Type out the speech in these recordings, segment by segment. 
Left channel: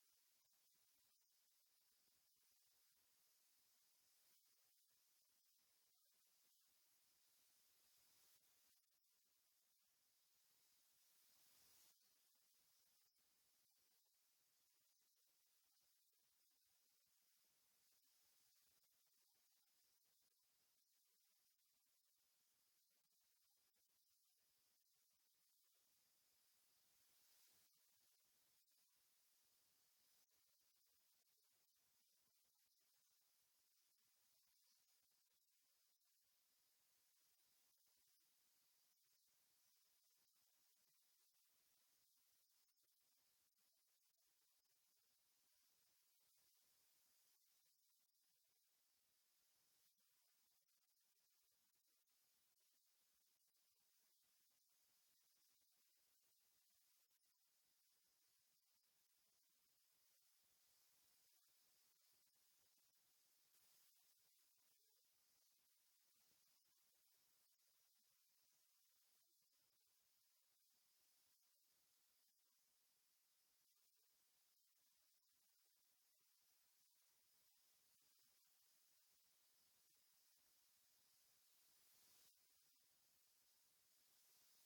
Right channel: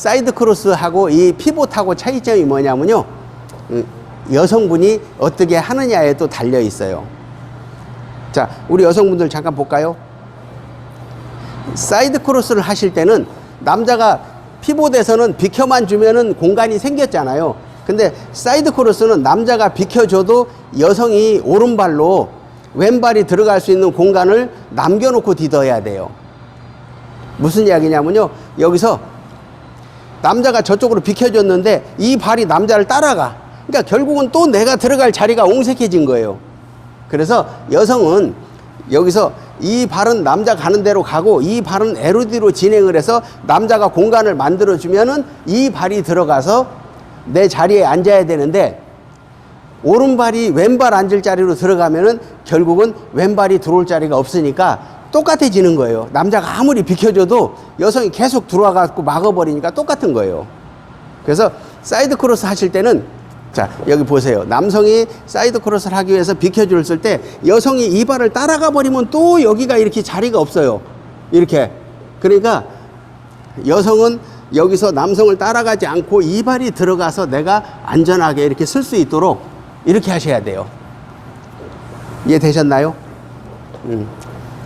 사이드 크로스하고 이 피봇하고 차이점이 뭐냐면요. 음, 여성분이 어떻게 하느냐에 또 달려 있어요. 자, 우리 여성분들 잠깐 볼까요? 사이드 크로스를 하실 때는 남자가 피봇에서는 비켜만 주면은 공간이 생겼잖아요. 근데 사이드 크로스는 남자가 비켜줘도 여성이 오른발로 왼발이 들어갈 수 있는 공간을 남겨놓고 디뎌야 돼요. 무슨 이야기냐면요. 여기서 남자가 저쪽으로 비켜줬는데 이 발이 남자를 따라가. 그러니까 결국은 또 내가 들어갈 자리가 옹색해진 거예요. 그래서 여성은 여기서 이 발은 남자 가는 대로 가고 이 발은 에로디로 진행을 해서 남자가 공간을 만들어 주면은 이 발이 들어가서 내 자리에 앉아야 되는데 오른발이 왼발 앉을 자리로 들어가면은 결국은 왼발이 들어올 자리가 없으니까 똑같아지는 거예요. 남자가 아무리 비켜줘도 여성이 계속 들어와 갖고 막아버리니까 똑같은 거예요. 그래서 사이드 크로스 하실 때는 자 여기 보세요 남성이 사이드 크로스를 하기 위해서 비켜줬을 때 여성이 이 발을 따라가 버리면 또 여기가 이렇게 자리가 없어요 이렇게 그러니까 여성은 여기서 남성을 따라가지 않고 이 발이 들어가서 내가 안전하게 이렇게 쓸 수 있도록 이렇게 하셔야 돼요 이해되셨나요? 음.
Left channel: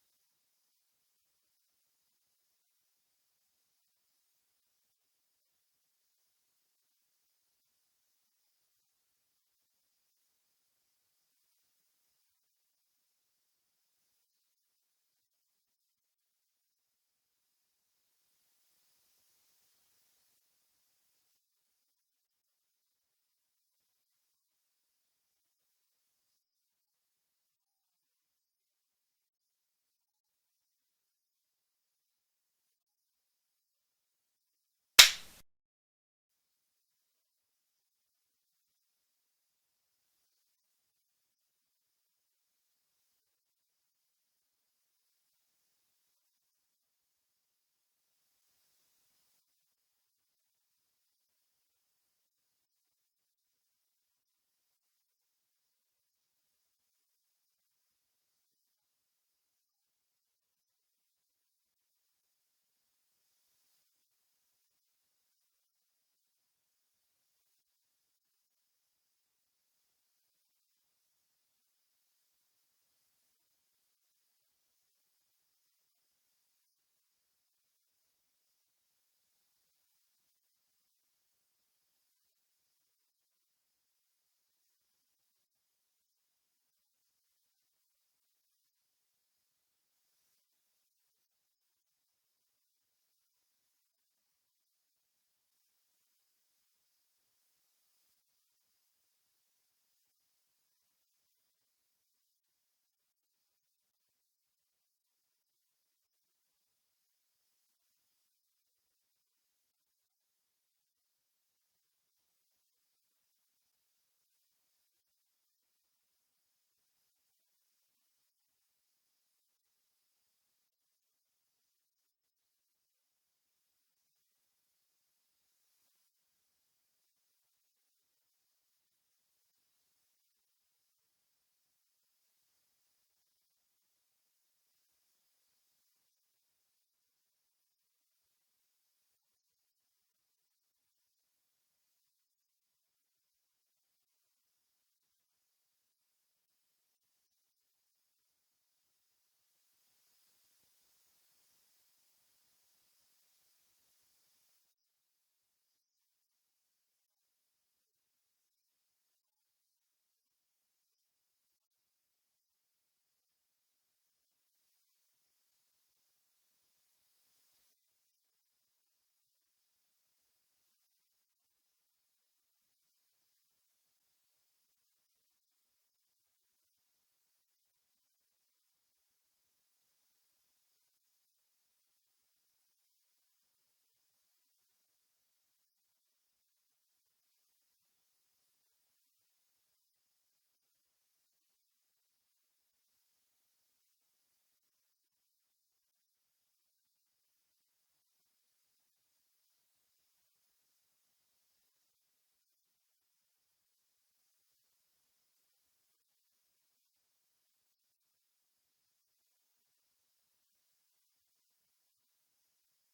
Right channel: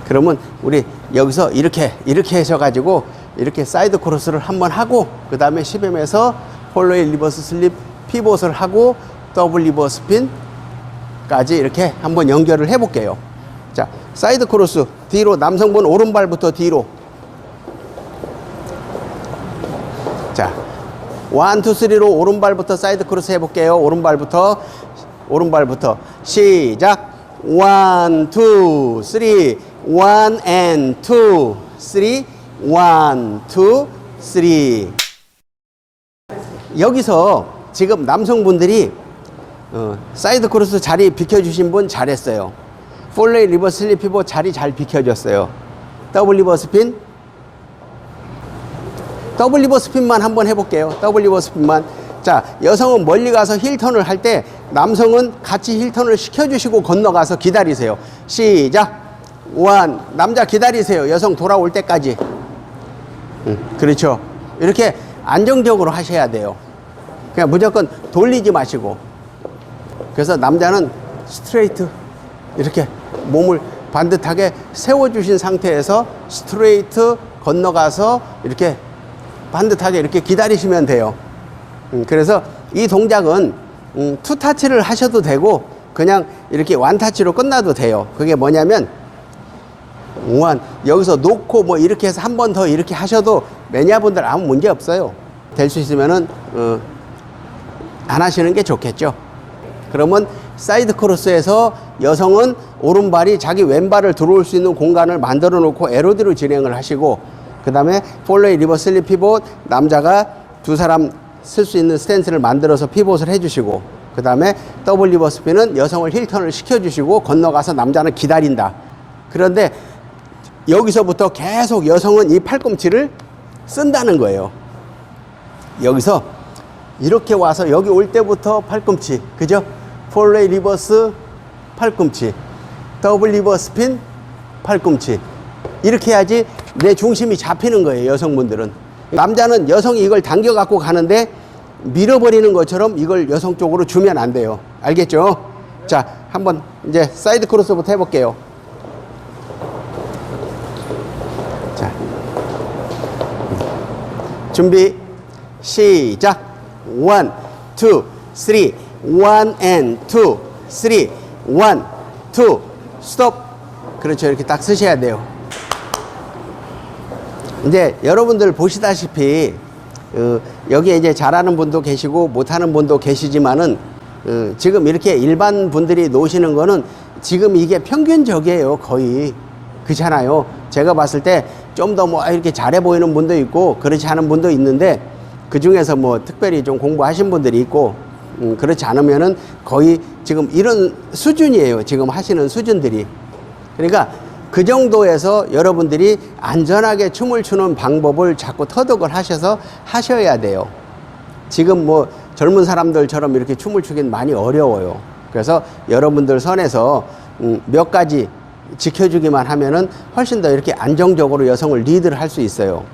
그러면 우리 여기서 이렇게 이렇게 하셔가지고 이렇게 사이드 크로스를 한번 하고 그 다음에 10M에서 폴로의 리버스 슬립 피봇을 하고 더블 리버스 핀까지 이렇게 한번 연결을 해 볼게요. 자, 사이드 크로스 뒤로 남성분 오른발부터 뒤로. 자, 원, 투, 쓰리로 오른발부터 사이드 크로스 해볼게요. 오른발부터 오른발부터 시작. 원, 투, 쓰리, 원, 앤, 투, 쓰리, 원, 투, 쓰리. 여기서 지금 남성분들이 어, 사이드 크로스 자리 비켜주신 분 잘했어요. 폴레이 리버스 슬립 피보 자리 잘 비켜줬어요. 더블 리버 스 핀. 더블 리버 스 핀만 한번 해볼게요. 더블 리버 스 핀만. 자, 여성은 멀리 가서 힐턴을 할 때 남성은 같이 힐턴을 시켜주시고 건너가서 기다리세요. 시작. 원. 남자 기다리세요. 여성 돌아올 때까지. 음, 그렇죠. 이렇게 안정적으로 하셔야 돼요. 그냥 무조건 돌리지 마시고. 그래서 남자는 스트레이트 이렇게 몸을 반듯하게 세워주신 상태에서 스트레이트 건너가서 이렇게 반듯하게 이렇게 기다리시면 돼요. 음, 그래서 이 동작은 음, 투타치를 하셔도 되고 그냥 이렇게 완타치로 끝나도 돼요. 그게 뭐냐면 원 여기서 놓고 뭐 이렇게 해서 한 번 더 이렇게 하셔도 매니아분들 아무 문제 없어요. 될 수 있으면은 어, 안 하시는 게 좋겠죠. 그러면 사이드 크로스에서 여성은 오른발이 자기 왼발을 들어올 수 있는 공간을 만들어 놓고 에로디로 진행을 하시고 그 다음에 폴로이 리버스 슬립 피봇 남자가 두 사람 쓸 수 있는 스탠스를 만들어서 피봇을 해주시고 그 다음에 더블 리버스 피는 여성을 힐턴을 시켜주시고 건너가서 남자는 기다린다. 그런데 여기서부터 계속 여성은 이 팔꿈치를 쓴다는 거예요. 여기서 이렇게 와서 여기 올 때부터 팔꿈치, 그죠? 폴레이 리버스 팔꿈치, 더블 리버스 핀 팔꿈치. 이렇게 해야지 내 중심이 잡히는 거예요, 여성분들은. 남자는 여성이 이걸 당겨 갖고 가는데 밀어버리는 것처럼 이걸 여성 쪽으로 주면 안 돼요. 알겠죠? 자, 한번 이제 사이드 크로스부터 해볼게요. 준비, 시작. 투, 쓰리, 원, 투, 스톱. 그렇죠. 이렇게 딱 쓰셔야 돼요. 이제 여러분들 보시다시피 어, 여기에 이제 잘하는 분도 계시고 못하는 분도 계시지만은 어, 지금 이렇게 일반 분들이 놓으시는 거는 지금 이게 평균적이에요 거의 그렇잖아요 제가 봤을 때 좀 더 뭐 이렇게 잘해 보이는 분도 있고 그렇지 않은 분도 있는데 그 중에서 뭐 특별히 좀 공부하신 분들이 있고 음, 그렇지 않으면은 거의 지금 이런 수준이에요 지금 하시는 수준들이 그러니까 그 정도에서 여러분들이 안전하게 춤을 추는 방법을 자꾸 터득을 하셔서 하셔야 돼요. 지금 뭐 젊은 사람들처럼 이렇게 춤을 추긴 많이 어려워요. 그래서 여러분들 선에서 음, 몇 가지 지켜주기만 하면은 훨씬 더 이렇게 안정적으로 여성을 리드를 할 수 있어요.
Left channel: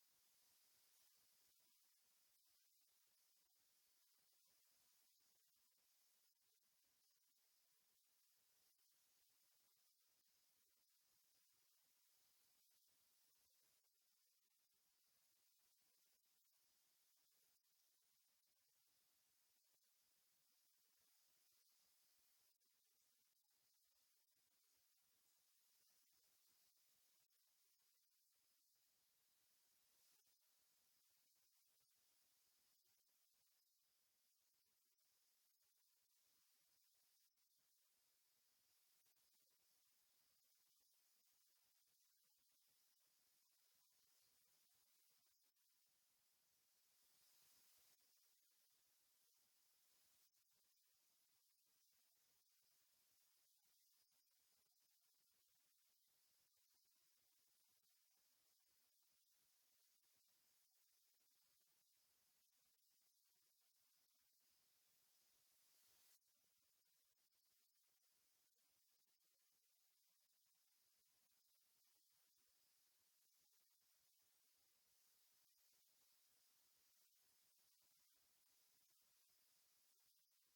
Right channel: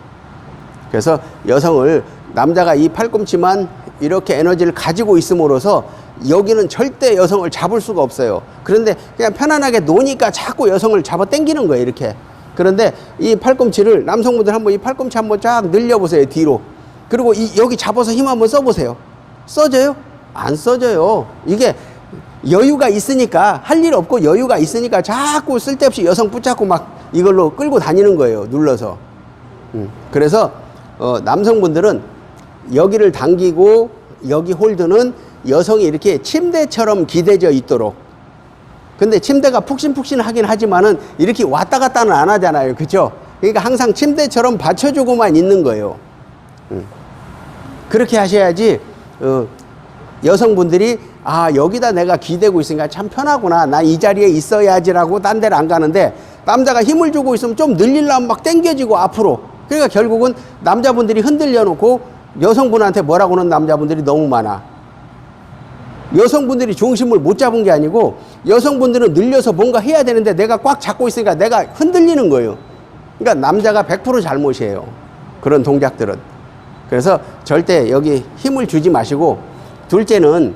그래서 여성을 남자가 이 팔꿈치만 이렇게 에너지를 가지고 있음으로써 여기는 절대 여성을 잡을 수가 없어요. 그런데 그냥 편안하게 노니까 자꾸 여성을 잡아 당기는 거예요, 이렇게. 그런데 이 팔꿈치를 남성분들 한번 이 팔꿈치 한번 쫙 늘려보세요, 뒤로. 그리고 이 여기 잡아서 힘 한번 써보세요. 써져요? 안 써져요. 이게 여유가 있으니까 할 일 없고 여유가 있으니까 자꾸 쓸데없이 여성 붙잡고 막 이걸로 끌고 다니는 거예요. 눌러서. 음, 그래서 어, 남성분들은 여기를 당기고 여기 홀드는 여성이 이렇게 침대처럼 기대져 있도록. 근데 침대가 푹신푹신 하긴 하지만은 이렇게 왔다 갔다는 안 하잖아요. 그죠? 그러니까 항상 침대처럼 받쳐주고만 있는 거예요. 음. 그렇게 하셔야지 어, 여성분들이 아 여기다 내가 기대고 있으니까 참 편하구나. 나 이 자리에 있어야지라고 딴 데를 안 가는데 남자가 힘을 주고 있으면 좀 늘리려면 막 땡겨지고 앞으로. 그러니까 결국은 남자분들이 흔들려 놓고 여성분한테 뭐라고 하는 남자분들이 너무 많아. 여성분들이 중심을 못 잡은 게 아니고 여성분들은 늘려서 뭔가 해야 되는데 내가 꽉 잡고 있으니까 내가 흔들리는 거예요. 그러니까 남자가 100% 잘못이에요. 그런 동작들은. 그래서 절대 여기 힘을 주지 마시고 둘째는